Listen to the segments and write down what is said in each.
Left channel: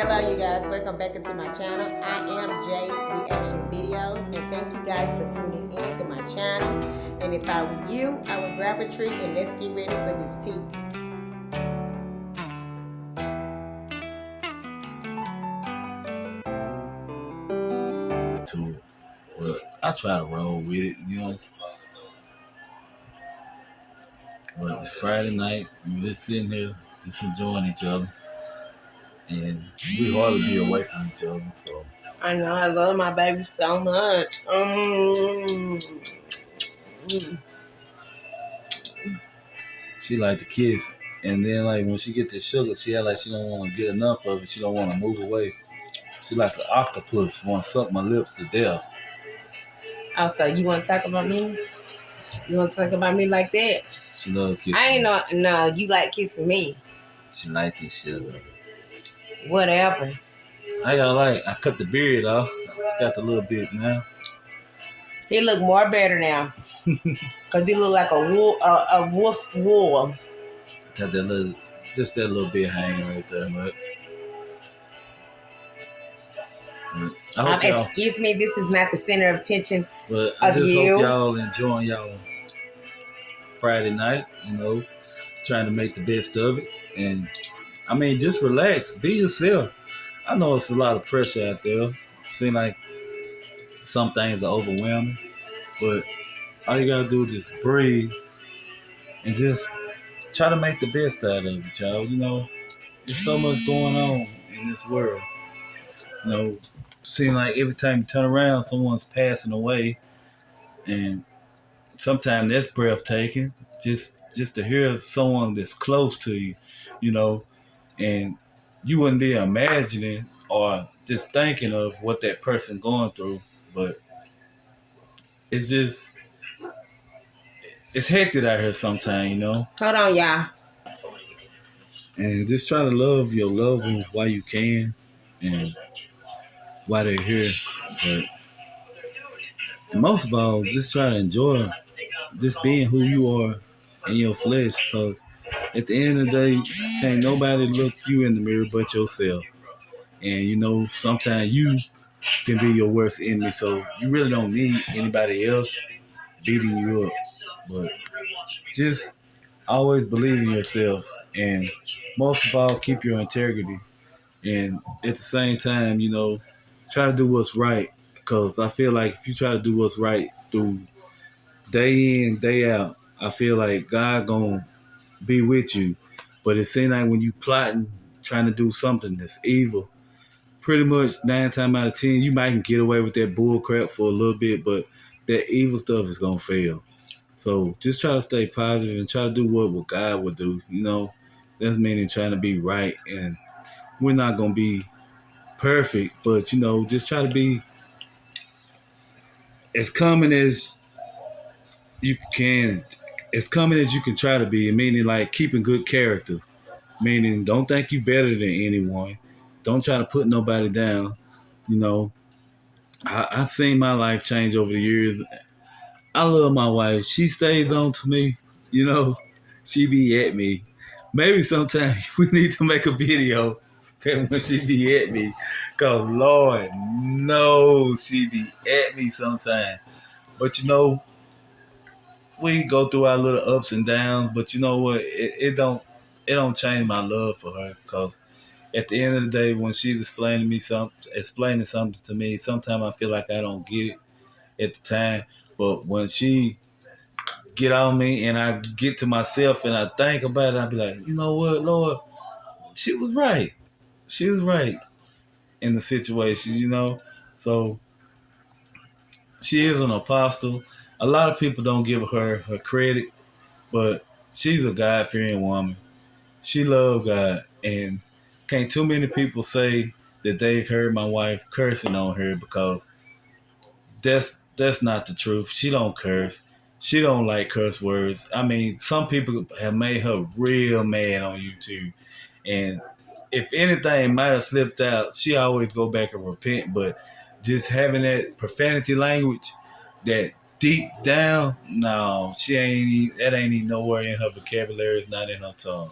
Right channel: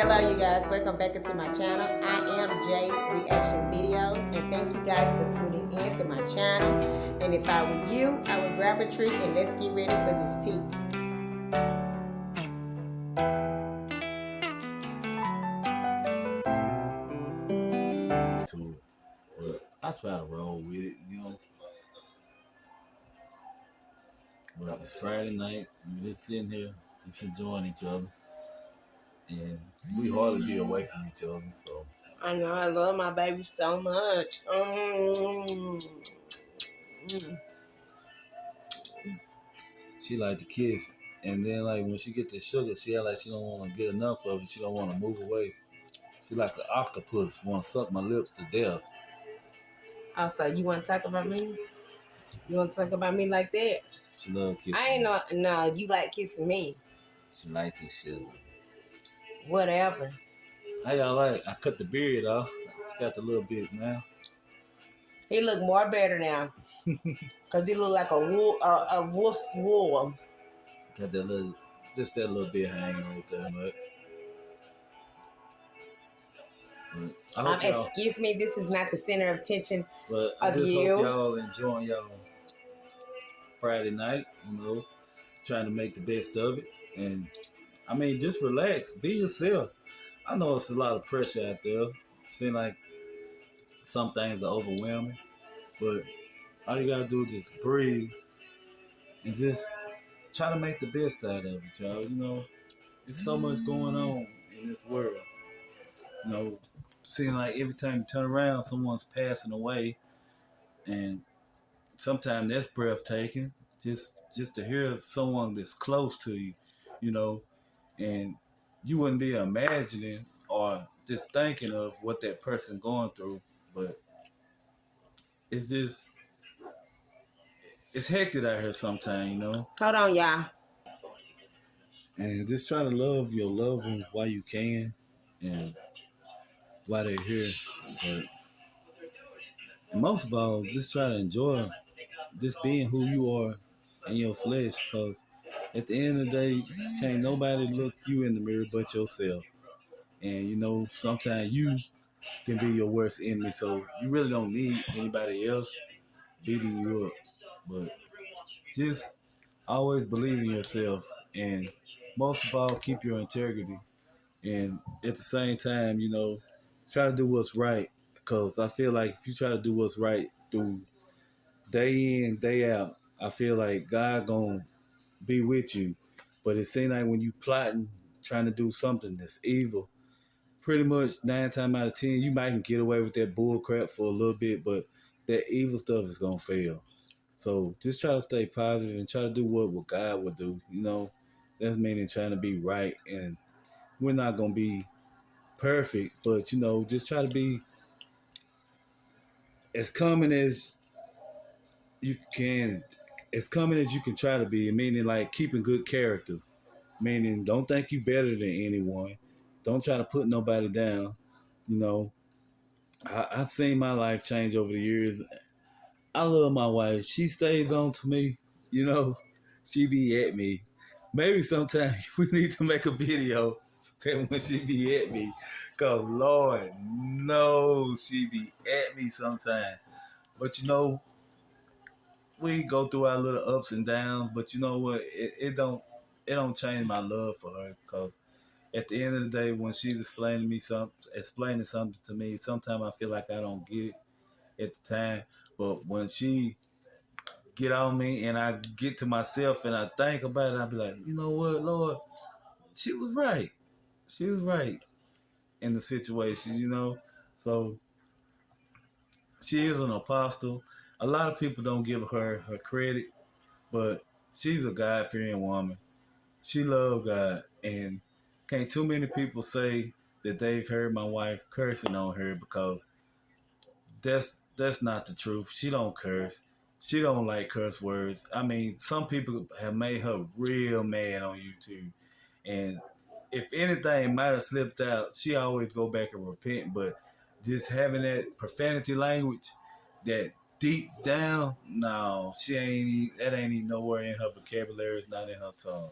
Hello, you guys. Welcome back into my channel. I am Jay's Reaction Videos, and thank you guys for tuning in to my channel. And if I were you, I would grab a treat and let's get ready for this tea. To it, but I try to roll with it, But it's Friday night. We're just sitting here, just enjoying each other, and we hardly be away from each other. So I know I love my baby so much. she like to kiss, and then like when she get the sugar, she act like she don't want to get enough of it. She don't want to move away. She like an octopus, want to suck my lips to death. Also, you want to talk about me? You want to talk about me like that? She love kissing. I ain't know. No, you like kissing me. She like this shit. Whatever. I cut the beard off. It's got the little bit now. He look more better now. Cause he look like a wolf wool. Got that little bit hanging right there, much. Excuse me, this is not the center of attention but I just you. hope y'all enjoying y'all Friday night, trying to make the best of it. And I mean, just relax, be yourself. I know it's a lot of pressure out there. It seems like some things are overwhelming, but all you gotta do is just breathe and just try to make the best out of it, y'all. There's so much going on in this world. Seem like every time you turn around, someone's passing away, and sometimes that's breathtaking. Just to hear someone that's close to you, and you wouldn't be imagining or just thinking of what that person going through, but it's hectic out here sometimes. Hold on, y'all. And just try to love your loved ones while you can and while they're here. But most of all, just try to enjoy just being who you are in your flesh, because at the end of the day, can't nobody look you in the mirror but yourself. And sometimes you can be your worst enemy, so you really don't need anybody else beating you up. But just always believe in yourself, and most of all, keep your integrity. And at the same time, try to do what's right, because I feel like if you try to do what's right through day in, day out, I feel like God gonna be with you. But it seems like when you plotting, trying to do something that's evil, pretty much 9 times out of 10, you might get away with that bull crap for a little bit, but that evil stuff is gonna fail. So just try to stay positive and try to do what God would do. That's meaning trying to be right, and we're not gonna be perfect, but just try to be as common as you can, as common as you can try to be, meaning like keeping good character, meaning don't think you better than anyone, don't try to put nobody down. I've seen my life change over the years. I love my wife. She stays on to me. She be at me. Maybe sometime we need to make a video that when she be at me, cause Lord knows she be at me sometime. But we go through our little ups and downs. But you know what? It don't change my love for her, cause at the end of the day, when she's explaining something to me, sometimes I feel like I don't get it at the time. But when she get on me and I get to myself and I think about it, I be like, you know what, Lord, she was right. She was right in the situation. So she is an apostle. A lot of people don't give her credit, but she's a God-fearing woman. She loves God, and can't too many people say that they've heard my wife cursing on her, because that's not the truth. She don't curse. She don't like curse words. I mean, some people have made her real mad on YouTube, and if anything might have slipped out, she always go back and repent. But just having that profanity language, that deep down, no, that ain't even nowhere in her vocabulary. It's not in her tongue,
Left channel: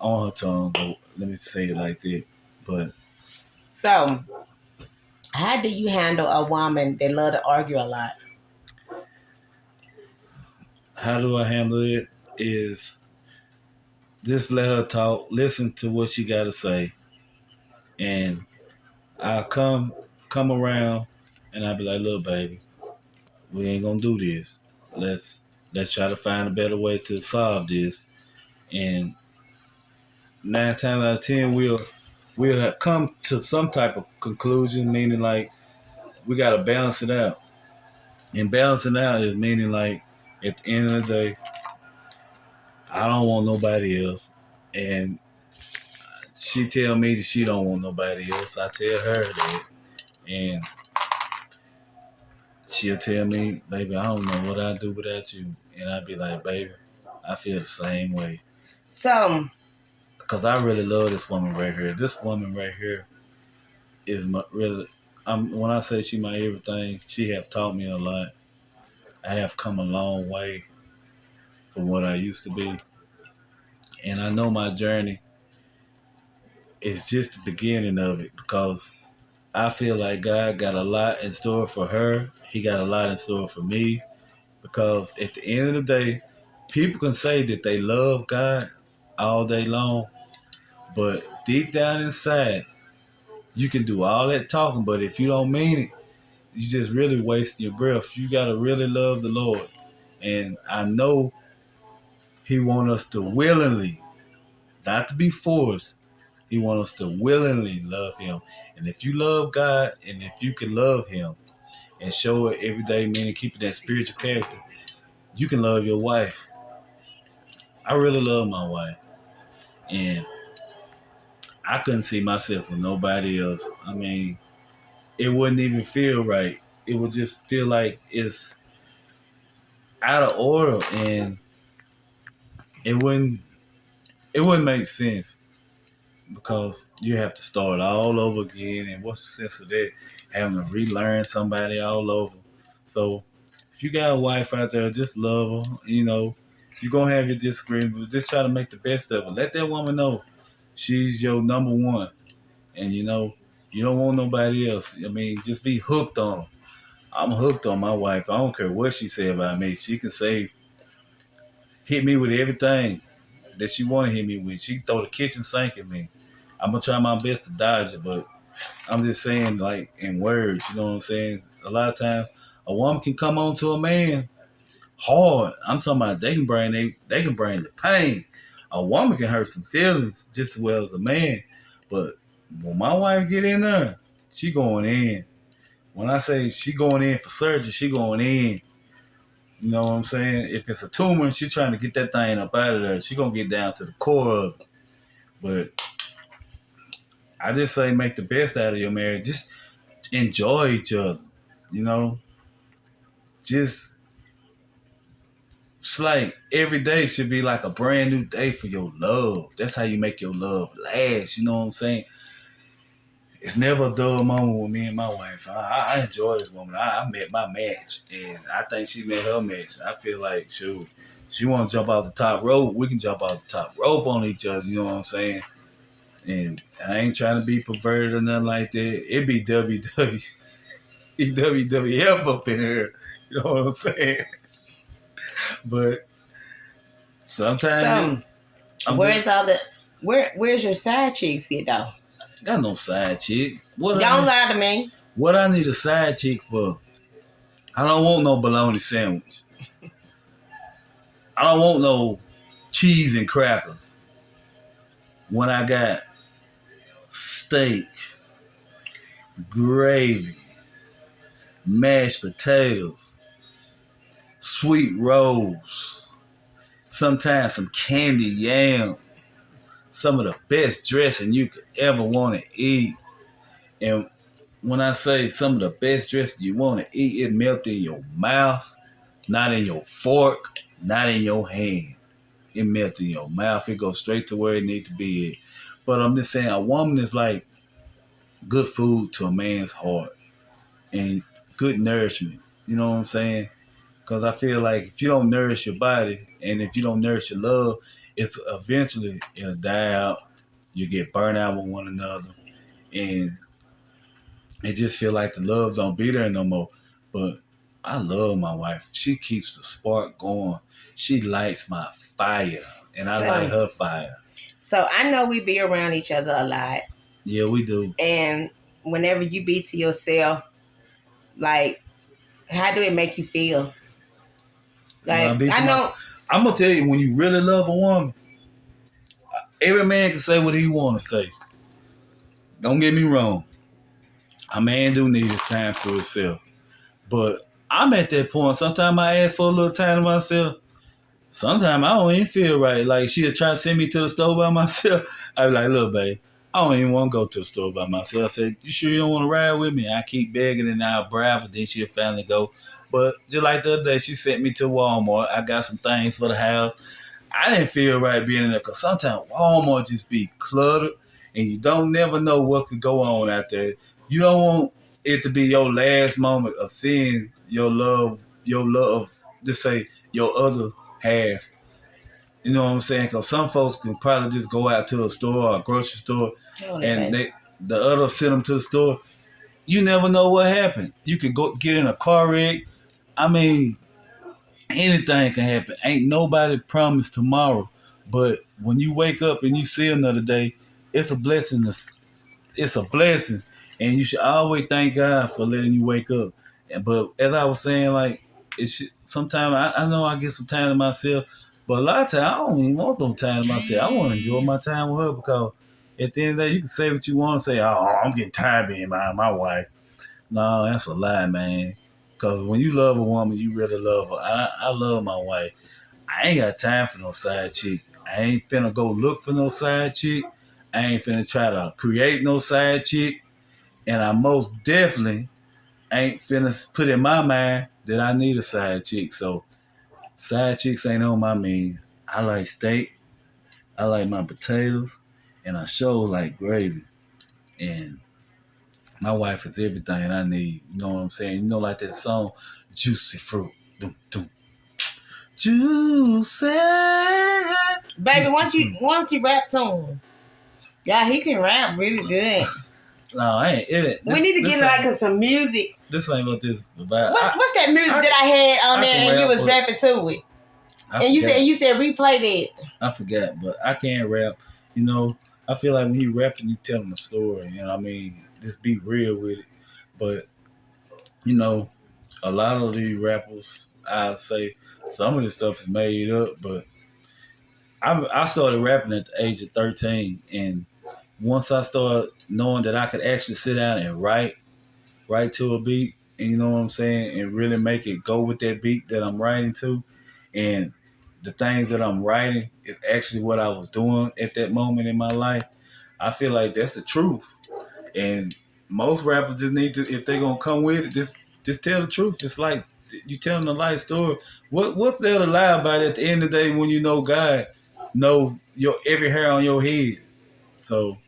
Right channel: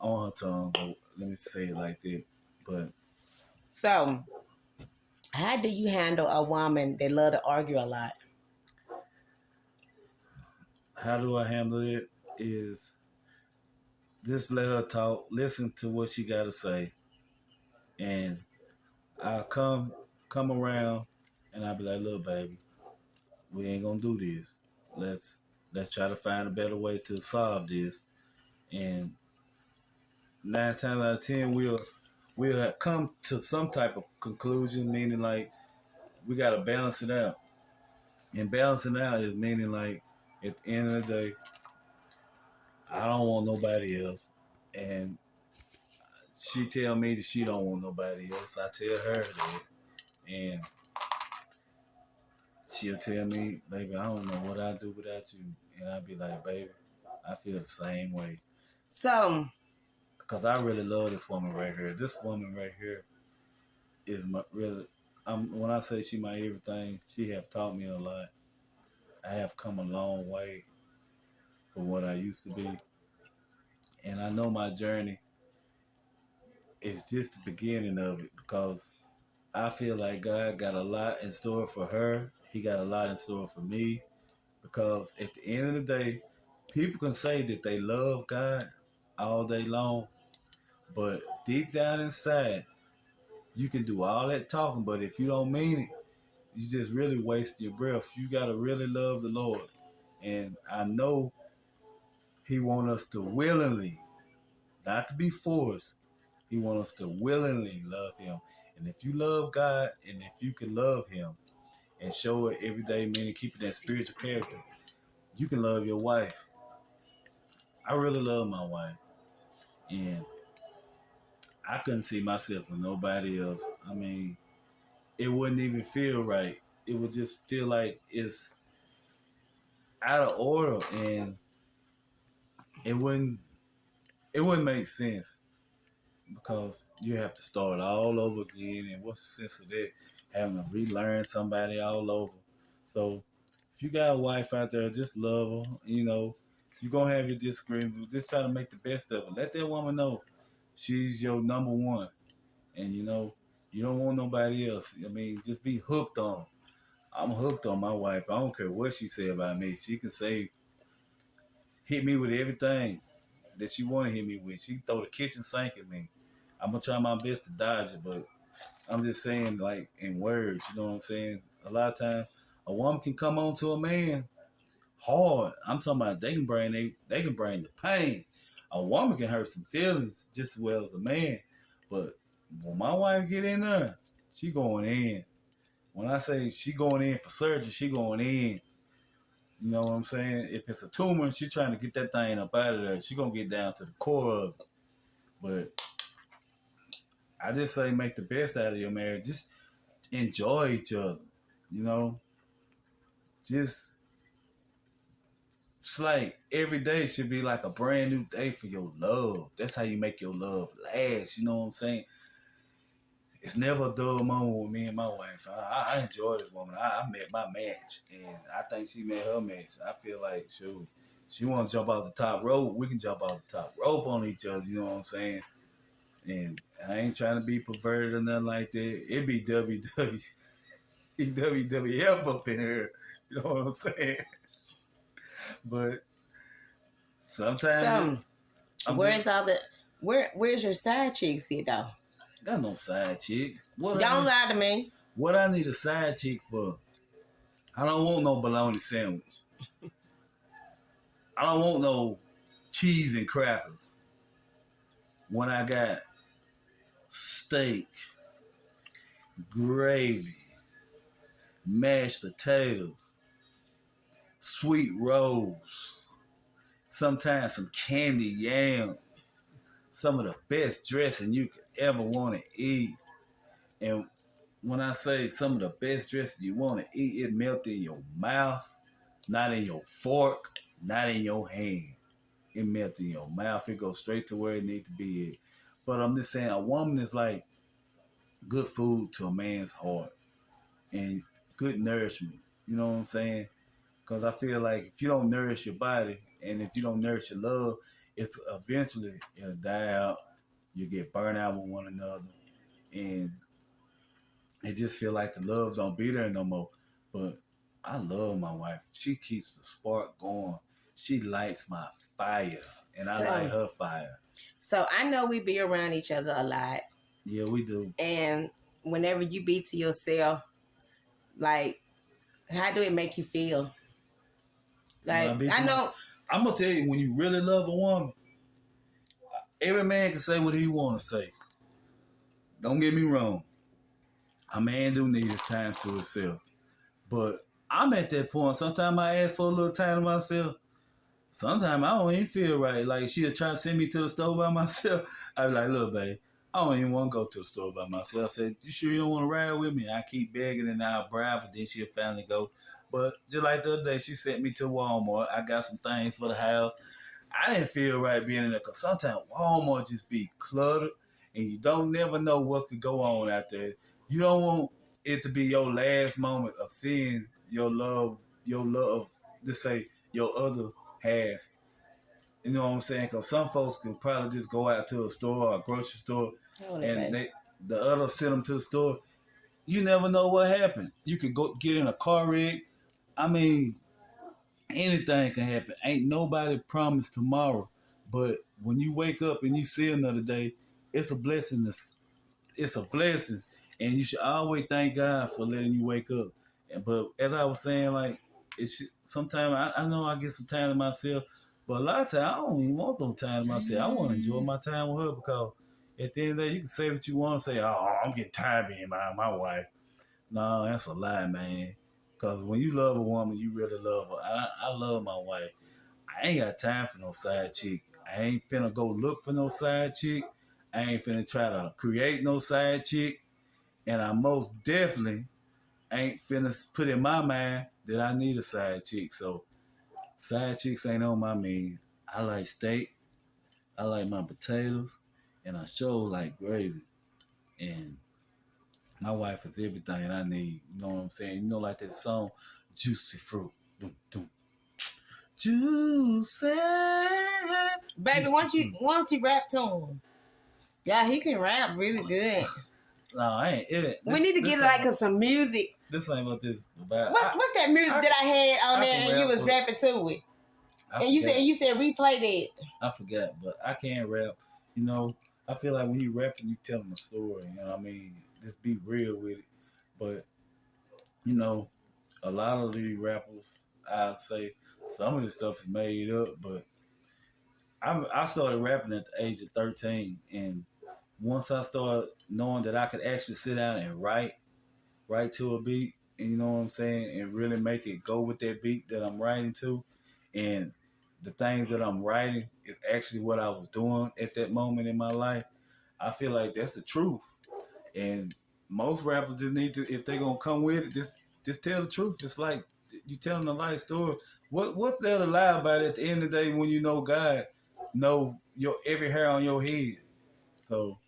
on her tongue. But let me say it like that. But So, how do you handle a woman that love to argue a lot? How do I handle it? Is just let her talk, listen to what she got to say, and I'll come around, and I'll be like, "Look, baby, we ain't gonna do this. Let's try to find a better way to solve this." And 9 times out of 10, we'll have come to some type of conclusion, meaning like we gotta balance it out. And balancing out is meaning like at the end of the day, I don't want nobody else, and she tell me that she don't want nobody else. I tell her that, and she'll tell me, "Baby, I don't know what I'd do without you," and I'd be like, "Baby, I feel the same way." So, Cause I really love this woman right here. This woman right here is my, really. When I say she my everything, she have taught me a lot. I have come a long way from what I used to be, and I know my journey is just the beginning of it because I feel like God got a lot in store for her. He got a lot in store for me because at the end of the day, people can say that they love God all day long, but deep down inside, you can do all that talking, but if you don't mean it, you just really wasting your breath. You gotta really love the Lord, and I know He want us to willingly, not to be forced. He want us to willingly love Him, and if you love God, and if you can love Him and show it every day, meaning keeping that spiritual character, you can love your wife. I really love my wife, and I couldn't see myself with nobody else. I mean, it wouldn't even feel right. It would just feel like it's out of order, and it wouldn't it wouldn't make sense because you have to start all over again. And what's the sense of that? Having to relearn somebody all over. So if you got a wife out there, just love her. You know, you're gonna have your disagreements, but just try to make the best of it. Let that woman know she's your number one, and you know you don't want nobody else. I mean, just be hooked on her. I'm hooked on my wife. I don't care what she say about me. She can say hit me with everything that she want to hit me with. She can throw the kitchen sink at me. I'm gonna try my best to dodge it, but I'm just saying, like in words, you know what I'm saying? A lot of times, a woman can come on to a man hard. I'm talking about they can bring the pain. A woman can hurt some feelings just as well as a man, but when my wife get in there, she going in. When I say she going in for surgery, she going in. You know what I'm saying? If it's a tumor and she trying to get that thing up out of there, she gonna get down to the core of it. But I just say make the best out of your marriage. Just enjoy each other. You know, just it's like every day should be like a brand new day for your love. That's how you make your love last. You know what I'm saying? It's never a dull moment with me and my wife. I enjoy this woman. I met my match, and I think she met her match. I feel like, shoot, she want to jump off the top rope. We can jump off the top rope on each other. You know what I'm saying? And I ain't trying to be perverted or nothing like that. It be WWF up in here. You know what I'm saying? But sometimes so where's all the where's your side chicks at though? got no side chick. Don't lie to me. What I need a side chick for? I don't want no bologna sandwich. I don't want no cheese and crackers. When I got steak, gravy, mashed potatoes, sweet rolls, sometimes some candy yam, some of the best dressing you could ever want to eat. And when I say some of the best dressing you want to eat, it melts in your mouth, not in your fork, not in your hand. It melts in your mouth. It goes straight to where it needs to be at. But I'm just saying, a woman is like good food to a man's heart and good nourishment. You know what I'm saying? Because I feel like if you don't nourish your body and if you don't nourish your love, it's eventually it'll die out. You get burnt out with one another, and it just feel like the love don't be there no more. But I love my wife. She keeps the spark going. She lights my fire, and I light So, her fire. so I know we be around each other a lot, Yeah, we do. and whenever you be to yourself, like, how do it make you feel? When I Like, be to I know. myself, I'm gonna tell you, when you really love a woman, every man can say what he want to say. Don't get me wrong. A man do need his time for himself. But I'm at that point. Sometimes I ask for a little time to myself. Sometimes I don't even feel right. Like she'll try to send me to the store by myself. I be like, look, babe, I don't even want to go to the store by myself. I said, you sure you don't want to ride with me? I keep begging and I'll bribe, but then she'll finally go. But just like the other day, she sent me to Walmart. I got some things for the house. I didn't feel right being in there because sometimes Walmart just be cluttered and you don't never know what could go on out there. You don't want it to be your last moment of seeing your love, just say your other half. You know what I'm saying? Because some folks can probably just go out to a store or a grocery store and the other send them to the store. You never know what happened. You could go get in a car wreck. I mean, anything can happen. Ain't nobody promised tomorrow. But when you wake up and you see another day, it's a blessing. It's a blessing. And you should always thank God for letting you wake up. But as I was saying, like, sometimes I know I get some time to myself, but a lot of times I don't even want no time to myself. I want to enjoy my time with her because at the end of the day, you can say what you want to say. Oh, I'm getting tired of being my wife. No, that's a lie, man. Because when you love a woman, you really love her. I love my wife. I ain't got time for no side chick. I ain't finna go look for no side chick. I ain't finna try to create no side chick. And I most definitely ain't finna put in my mind that I need a side chick. So side chicks ain't on my menu. I like steak. I like my potatoes. And I sure like gravy. And my wife is everything I need. You know what I'm saying? You know, like that song, Juicy Fruit. Doom, doom. Juicy. Baby, Juicy fruit. why don't you rap to him? Yeah, he can rap really good. No, I ain't. We need to get like some music. This ain't what this is about. What's that music that I had on there and you was but rapping to it? And you said replay that. I forgot, but I can't rap. You know, I feel like when you rapping, you telling a story. You know what I mean? Just be real with it. But, you know, a lot of these rappers, I'd say some of this stuff is made up, but I started rapping at the age of 13. And once I started knowing that I could actually sit down and write to a beat, and you know what I'm saying, and really make it go with that beat that I'm writing to, and the things that I'm writing is actually what I was doing at that moment in my life. I feel like that's the truth, and most rappers just need to, if they're gonna come with it, just tell the truth. It's like you telling a life story. What's there to lie about at the end of the day when you know God know your every hair on your head? So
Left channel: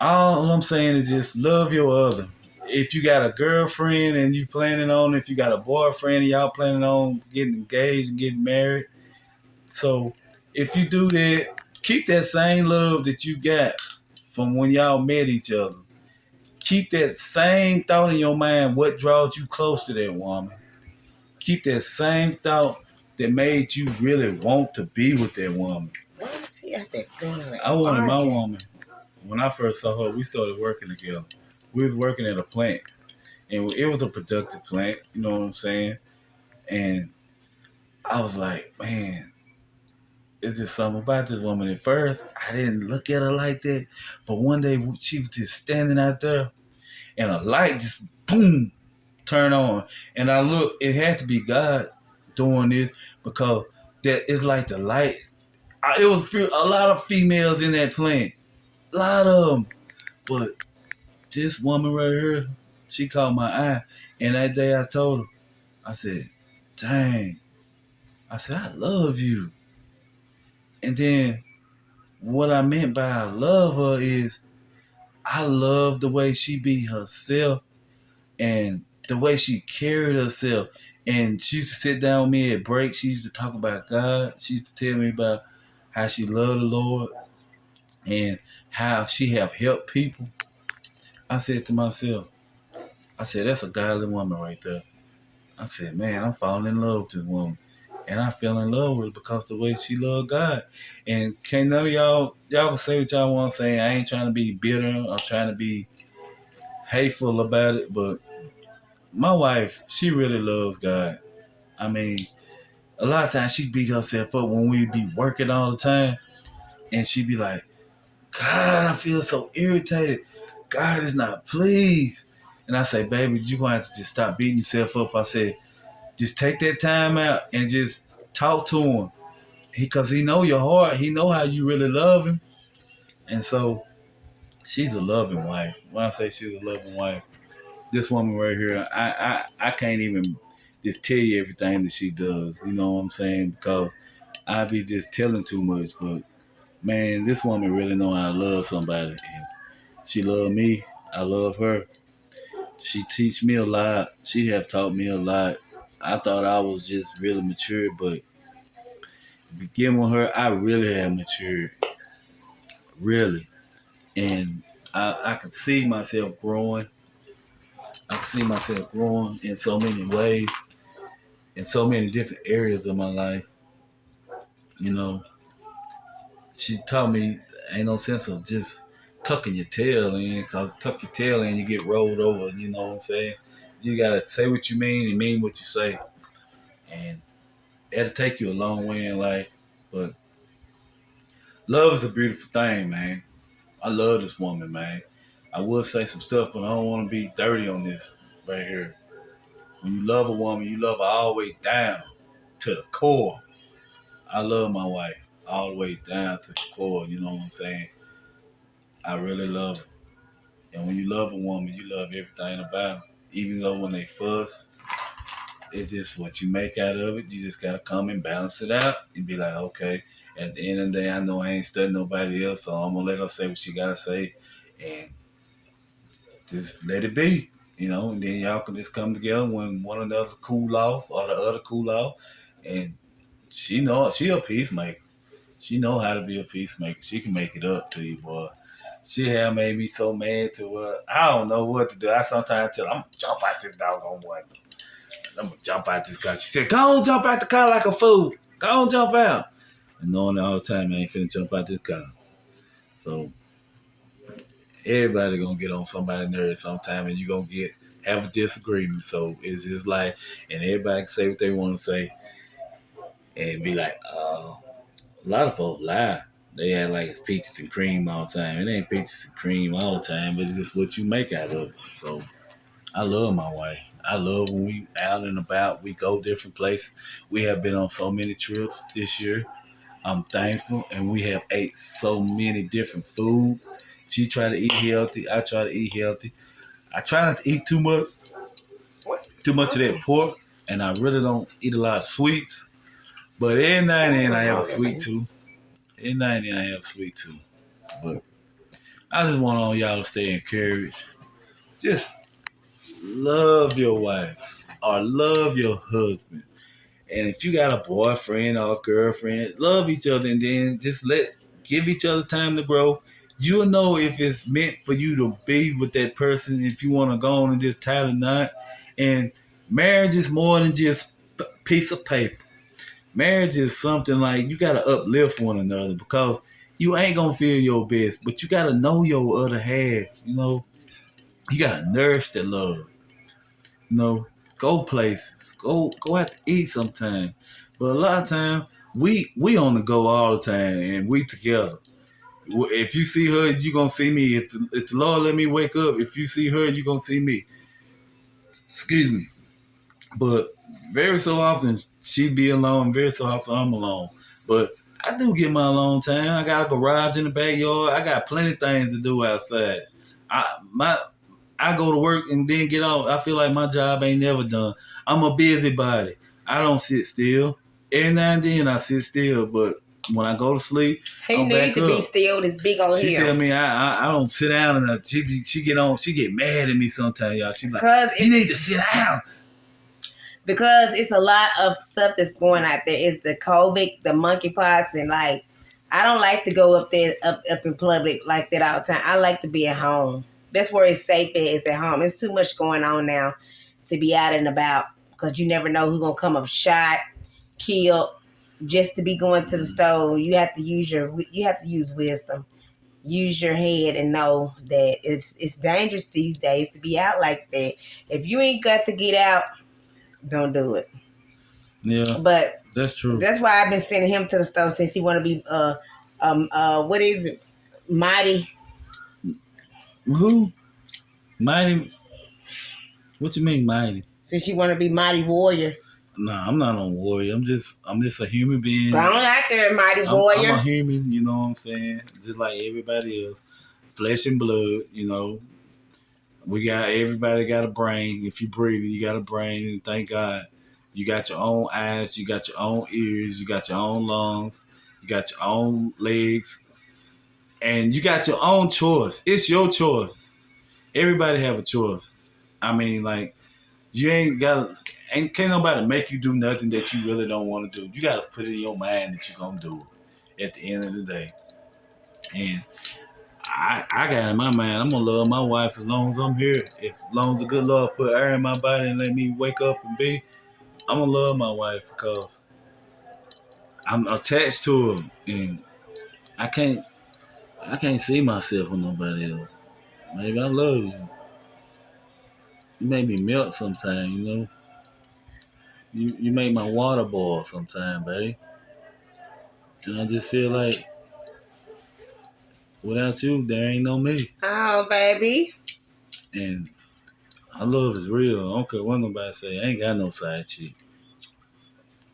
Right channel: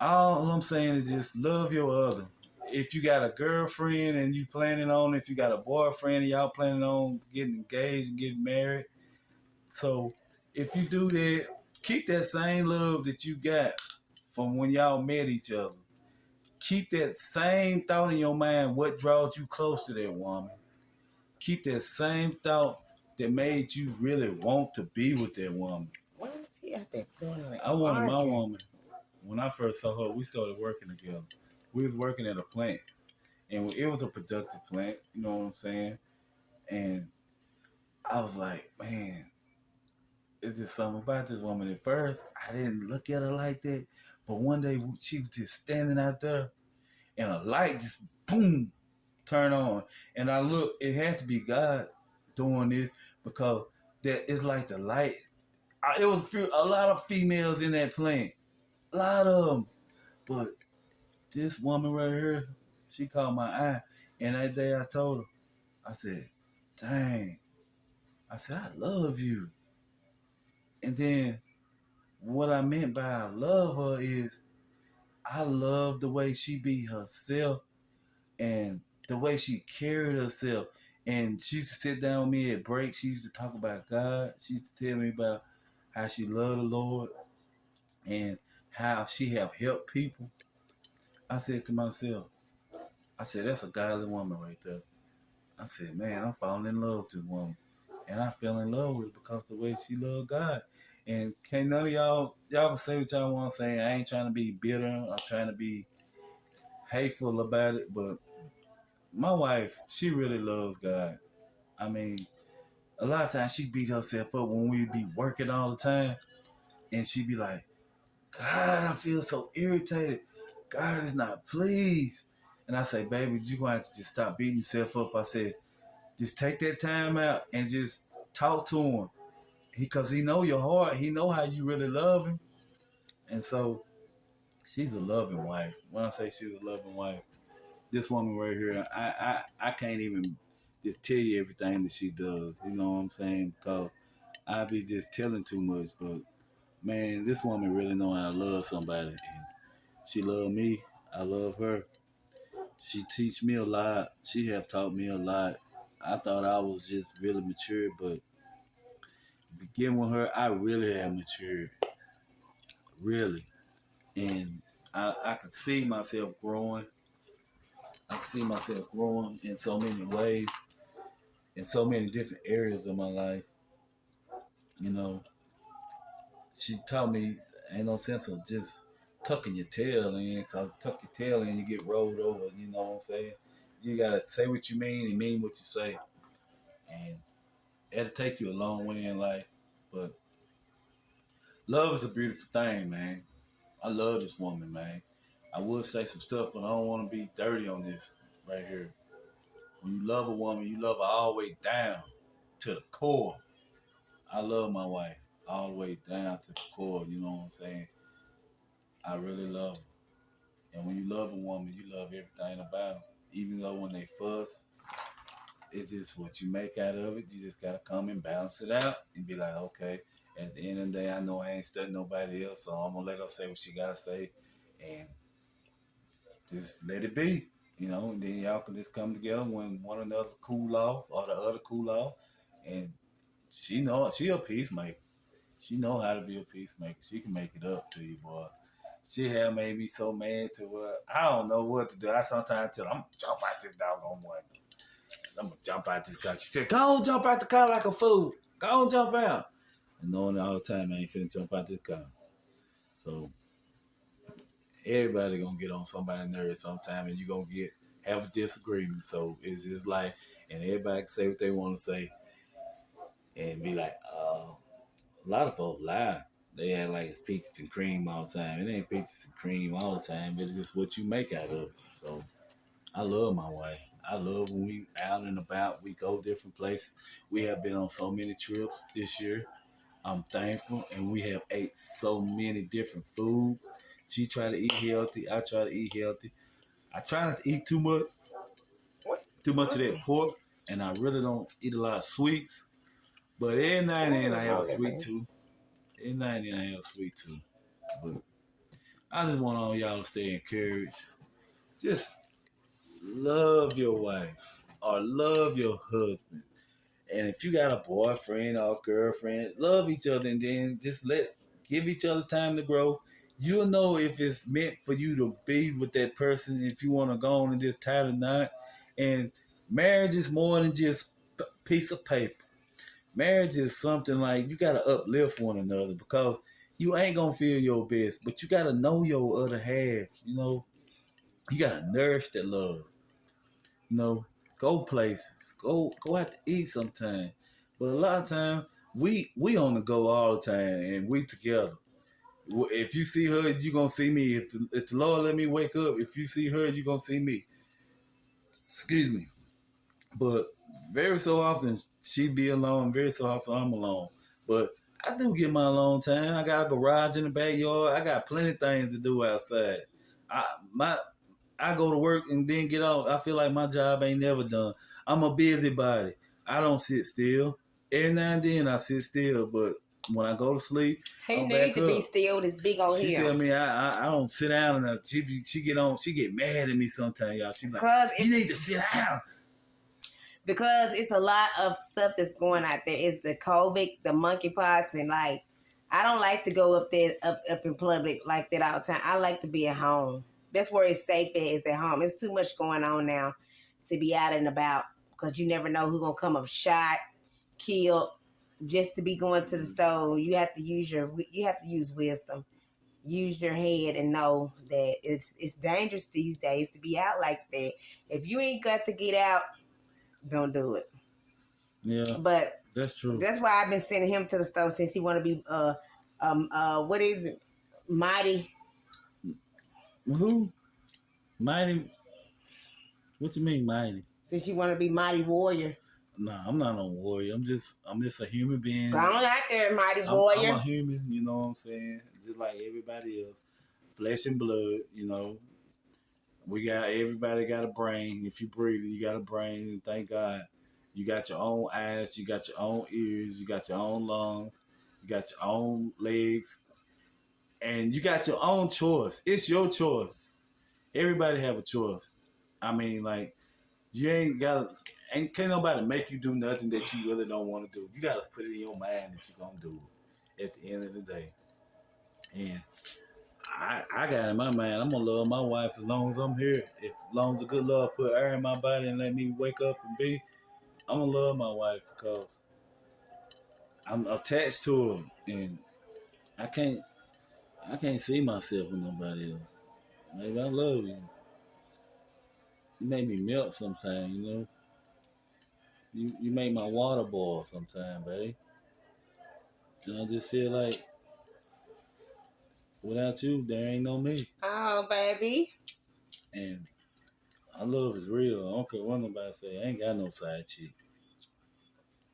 all I'm saying is just love your other. If you got a girlfriend and you planning on, if you got a boyfriend and y'all planning on getting engaged and getting married, so if you do that, keep that same love that you got from when y'all met each other. Keep that same thought in your mind. What draws you close to that woman? Keep that same thought that made you really want to be with that woman. Why is he out there doing like I wanted my woman. When I first saw her, we started working together. We was working at a plant, and it was a productive plant. You know what I'm saying? And I was like, man, it's just something about this woman. At first, I didn't look at her like that, but one day she was just standing out there, and a light just boom turn on, and I looked. It had to be God doing this because that is like the light. It was a lot of females in that plant, a lot of them, but this woman right here, she caught my eye. And that day I told her, I said, dang. I said, I love you. And then what I meant by I love her is I love the way she be herself and the way she carried herself. And she used to sit down with me at breaks. She used to talk about God. She used to tell me about how she loved the Lord and how she have helped people. I said to myself, I said, that's a godly woman right there. I said, man, I'm falling in love with this woman. And I fell in love with her because the way she loved God. And can't none of y'all can say what y'all want to say. I ain't trying to be bitter or trying to be hateful about it, but my wife, she really loves God. I mean, a lot of times she beat herself up when we be working all the time. And she be like, God, I feel so irritated. God is not pleased. And I say, baby, you going to have to just stop beating yourself up. I said, just take that time out and just talk to him. Because he know your heart. He know how you really love him. And so she's a loving wife. When I say she's a loving wife, this woman right here, I can't even just tell you everything that she does. You know what I'm saying? Because I be just telling too much. But man, this woman really know how to love somebody. And she love me. I love her. She teach me a lot. She have taught me a lot. I thought I was just really mature, but beginning with her, I really have matured. Really. And I can see myself growing. I can see myself growing in so many ways, in so many different areas of my life. You know, she taught me ain't no sense of just tucking your tail in, cause tuck your tail in, you get rolled over. You know what I'm saying? You gotta say what you mean and mean what you say, and it'll take you a long way in life. But love is a beautiful thing, man. I love this woman, man. I will say some stuff, but I don't want to be dirty on this right here. When you love a woman, you love her all the way down to the core. I love my wife all the way down to the core. You know what I'm saying? I really love her. And when you love a woman, you love everything about her. Even though when they fuss, it's just what you make out of it. You just gotta come and balance it out and be like, okay. At the end of the day, I know I ain't studying nobody else, so I'm gonna let her say what she gotta say, and just let it be. You know, and then y'all can just come together when one another cool off or the other cool off, and she a peacemaker. She know how to be a peacemaker. She can make it up to you, boy. She have made me so mad to I don't know what to do. I sometimes tell her, I'm gonna jump out this doggone one. I'm gonna jump out this car. She said, go on, jump out the car like a fool. Go on, jump out. And knowing all the time, I ain't finna jump out this car. So everybody gonna get on somebody's nerves sometime, and you gonna have a disagreement. So it's just like, and everybody can say what they want to say, and be like, a lot of folks lie. They act like it's peaches and cream all the time. It ain't peaches and cream all the time, but it's just what you make out of it. So I love my wife. I love when we out and about. We go different places. We have been on so many trips this year. I'm thankful, and we have ate so many different food. She try to eat healthy. I try to eat healthy. I try not to eat too much of that pork, and I really don't eat a lot of sweets. But every now and then I have a sweet too. Every now and then I have a sweet too. But I just want all y'all to stay encouraged. Just love your wife or love your husband. And if you got a boyfriend or a girlfriend, love each other, and then just give each other time to grow. You'll know if it's meant for you to be with that person, if you want to go on and just tie the knot. And marriage is more than just a piece of paper. Marriage is something like you gotta uplift one another, because you ain't gonna feel your best, but you gotta know your other half. You know, you gotta nourish that love. You know, go places, go out to eat sometime. But a lot of time we on the go all the time, and we together. If you see her, you gonna see me. If the Lord let me wake up, if you see her, you gonna see me. Excuse me. But very so often she be alone, very so often I'm alone. But I do get my alone time. I got a garage in the backyard. I got plenty of things to do outside. I my I go to work and then get off. I feel like my job ain't never done. I'm a busybody. I don't sit still. Every now and then I sit still, but when I go to sleep, He I'm need back to up. be still. This big on She here. tell me I don't sit down enough. She get mad at me sometimes, y'all. She like, Because you need to sit down. Because it's a lot of stuff that's going out there. It's the COVID, the monkeypox, and like I don't like to go up there up in public like that all the time. I like to be at home. That's where it's safe at, is at home. It's too much going on now to be out and about because you never know who's gonna come up shot, killed, just to be going to the store. You have to use wisdom. Use your head and know that it's dangerous these days to be out like that. If you ain't got to get out, don't do it. Yeah, But that's true. that's why I've been sending him to the store since he want to be what is it, mighty. Who? Mighty? What you mean, mighty? Since you want to be mighty warrior. Nah, I'm not on warrior. I'm just a human being. Go on out there, mighty warrior. I'm a human, you know what I'm saying? Just like everybody else. Flesh and blood, you know. Everybody got a brain. If you breathe, you got a brain, and thank God. You got your own eyes, you got your own ears, you got your own lungs, you got your own legs, and you got your own choice. It's your choice. Everybody have a choice. I mean, like, you can't nobody make you do nothing that you really don't want to do. You got to put it in your mind that you're going to do it at the end of the day. And I got in my mind, I'm going to love my wife as long as I'm here. As long as the good Lord put air in my body and let me wake up and be, I'm going to love my wife because I'm attached to her. And I can't see myself with nobody else. Maybe I love you. You make me melt sometimes, you know. You make my water boil sometimes, babe. And I just feel like without you, there ain't no me. Oh, baby. And our love is real. I don't care what nobody say. I ain't got no side chick.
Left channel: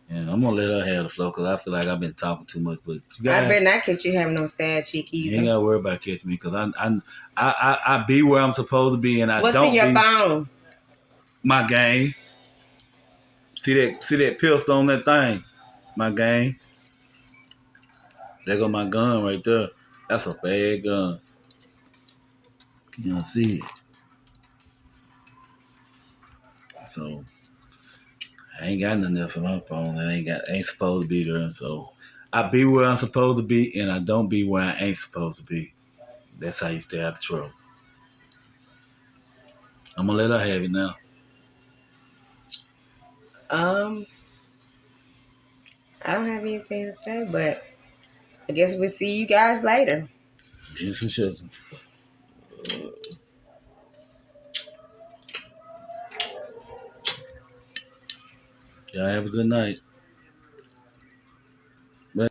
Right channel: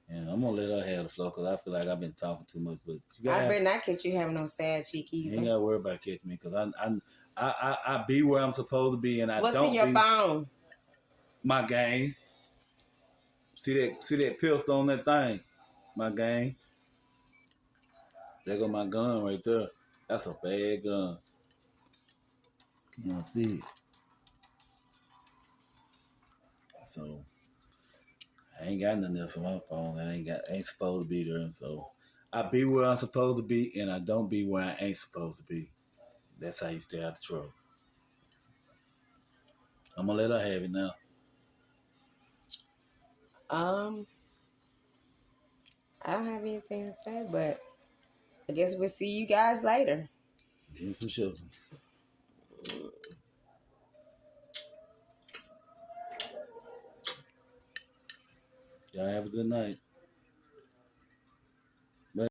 And I'm gonna let her have the flow because I feel like I've been talking too much. But you guys, I bet not catch you having no sad chick you either. ain't gotta worry about catching me because I be where I'm supposed to be and I What's don't in your be phone? my game. See that pistol on that thing? My game. There go my gun right there. That's a bad gun. Can y'all see it? So I ain't got nothing else on my phone. I ain't supposed to be there. So I be where I'm supposed to be, and I don't be where I ain't supposed to be. That's how you stay out of trouble. I'm gonna let her have it now. I don't have anything to say, but I guess we'll see you guys later. Get some sugar. Y'all have a good night. Bye.